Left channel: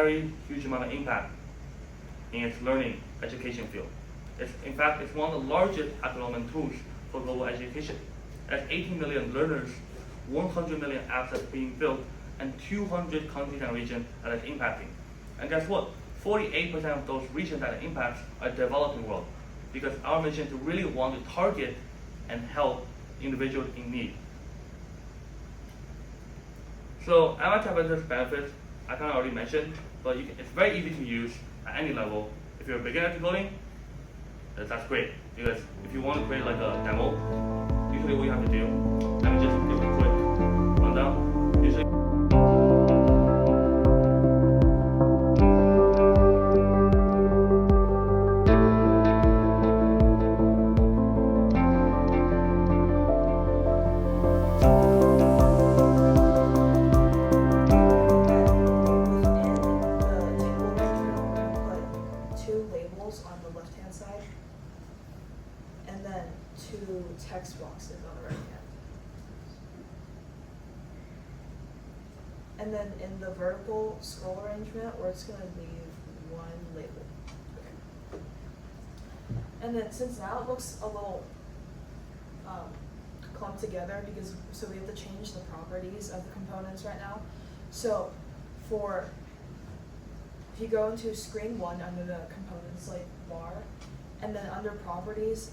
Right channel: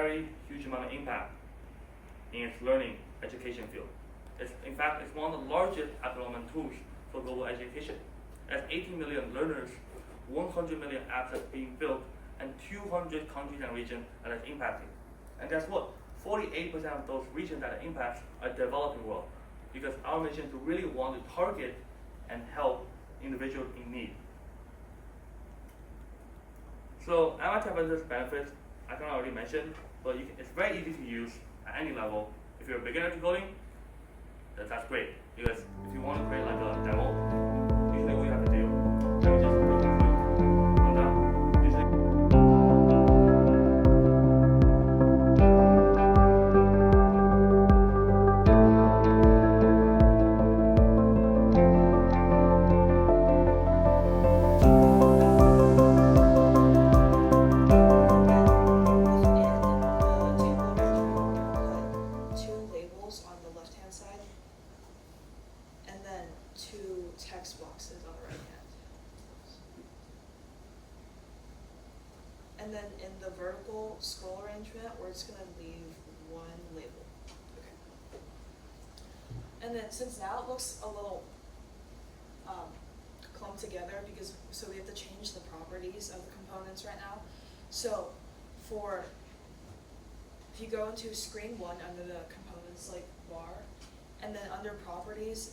very huge amount of impact in its learning education field. In fact, it's one of the largest development tools for global education. At 18 million learners, 100 million apps are being built, and 200 countries and regions that it's impacting. And guess what? 48% of those regions that it impacts are developing world, because our mission to really want to target and help individuals in need. So MIT App Inventor's benefits, I kind of already mentioned, but it's very easy to use at any level. If you're a beginner to coding, that's great, because if you want to create like a demo, usually what you have to do, let me just give a quick rundown. Usually text boxes on the right hand. And then in the vertical scroll arrangement, we're just going to leave one label. Okay. And then since now it looks a little clumped together, so we have to change the properties of the components right now. So if you go into screen 1 under the components like bar, and then under properties,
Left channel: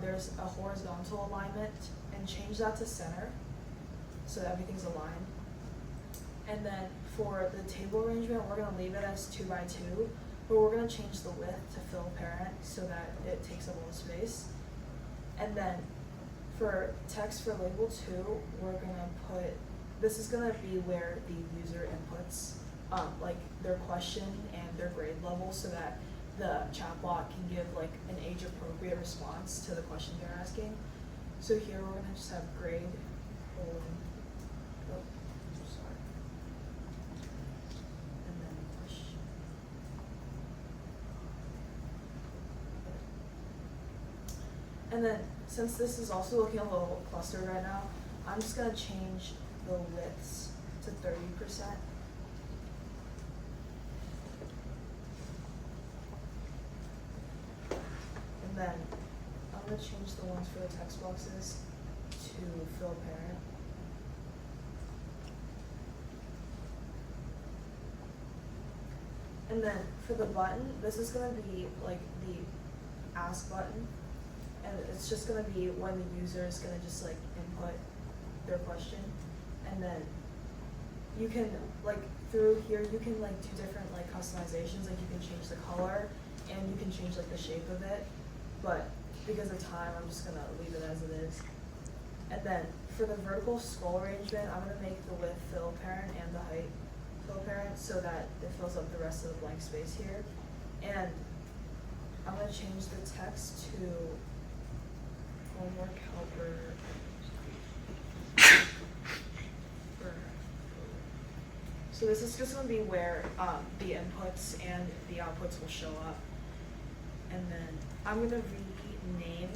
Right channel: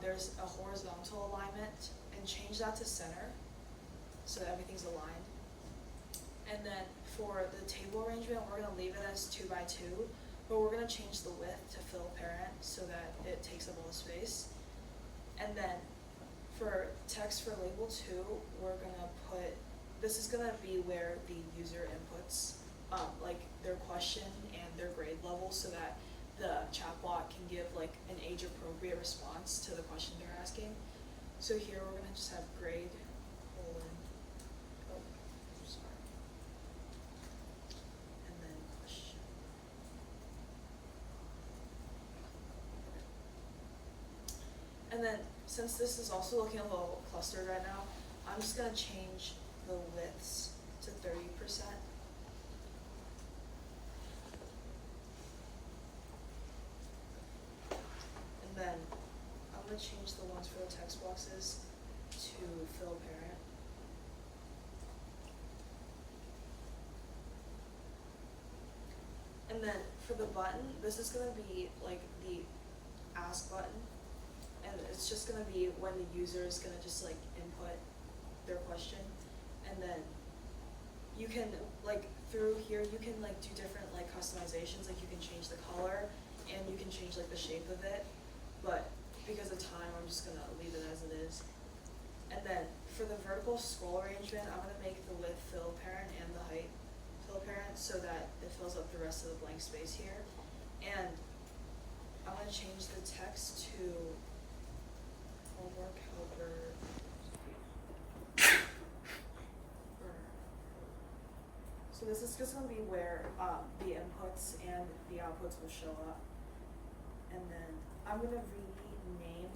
there's a horizontal alignment, and change that to center so that everything's aligned. And then for the table arrangement, we're going to leave it as 2 by 2, but we're going to change the width to fill parent so that it takes up all the space. And then for text for label 2, we're going to put, this is going to be where the user inputs like their question and their grade level, so that the chatbot can give like an age-appropriate response to the question they're asking. So here we're gonna just have grade, and then question. Okay. And then since this is also looking a little clustered right now, I'm just gonna change the widths to 30%. Then I'm going to change the ones for the text boxes to fill parent. And then for the button, this is going to be like the ask button, and it's just going to be when the user is going to just like input their question, and then you can like through here you can like do different like customizations, like you can change the color and you can change like the shape of it. But because of time, I'm just gonna leave it as it is. And then for the vertical scroll arrangement, I'm gonna make the width fill parent and the height fill parent so that it fills up the rest of the blank space here. And I'm gonna change the text to homework helper. So this is just gonna be where the inputs and the outputs will show up. And then I'm going to rename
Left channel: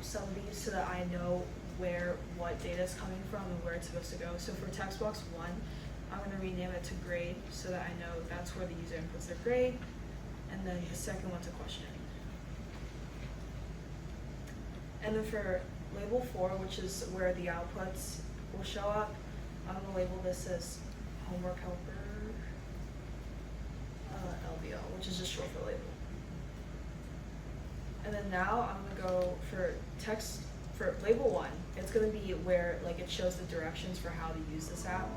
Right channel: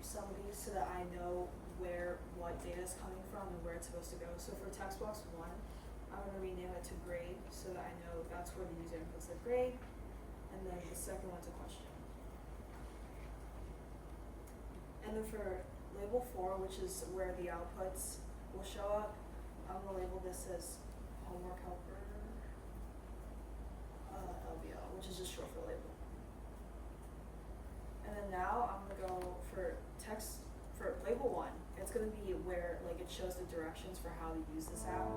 some of these so that I know what data is coming from and where it's supposed to go. So for text box 1, I'm going to rename it to grade so that I know that's where the user inputs their grade. And then the second one's a question. And then for label 4, which is where the outputs will show up, I'm going to label this as homework helper. LBL, which is just short for label. And then now I'm gonna go for text for label 1. It's gonna be where like it shows the directions for how to use this app.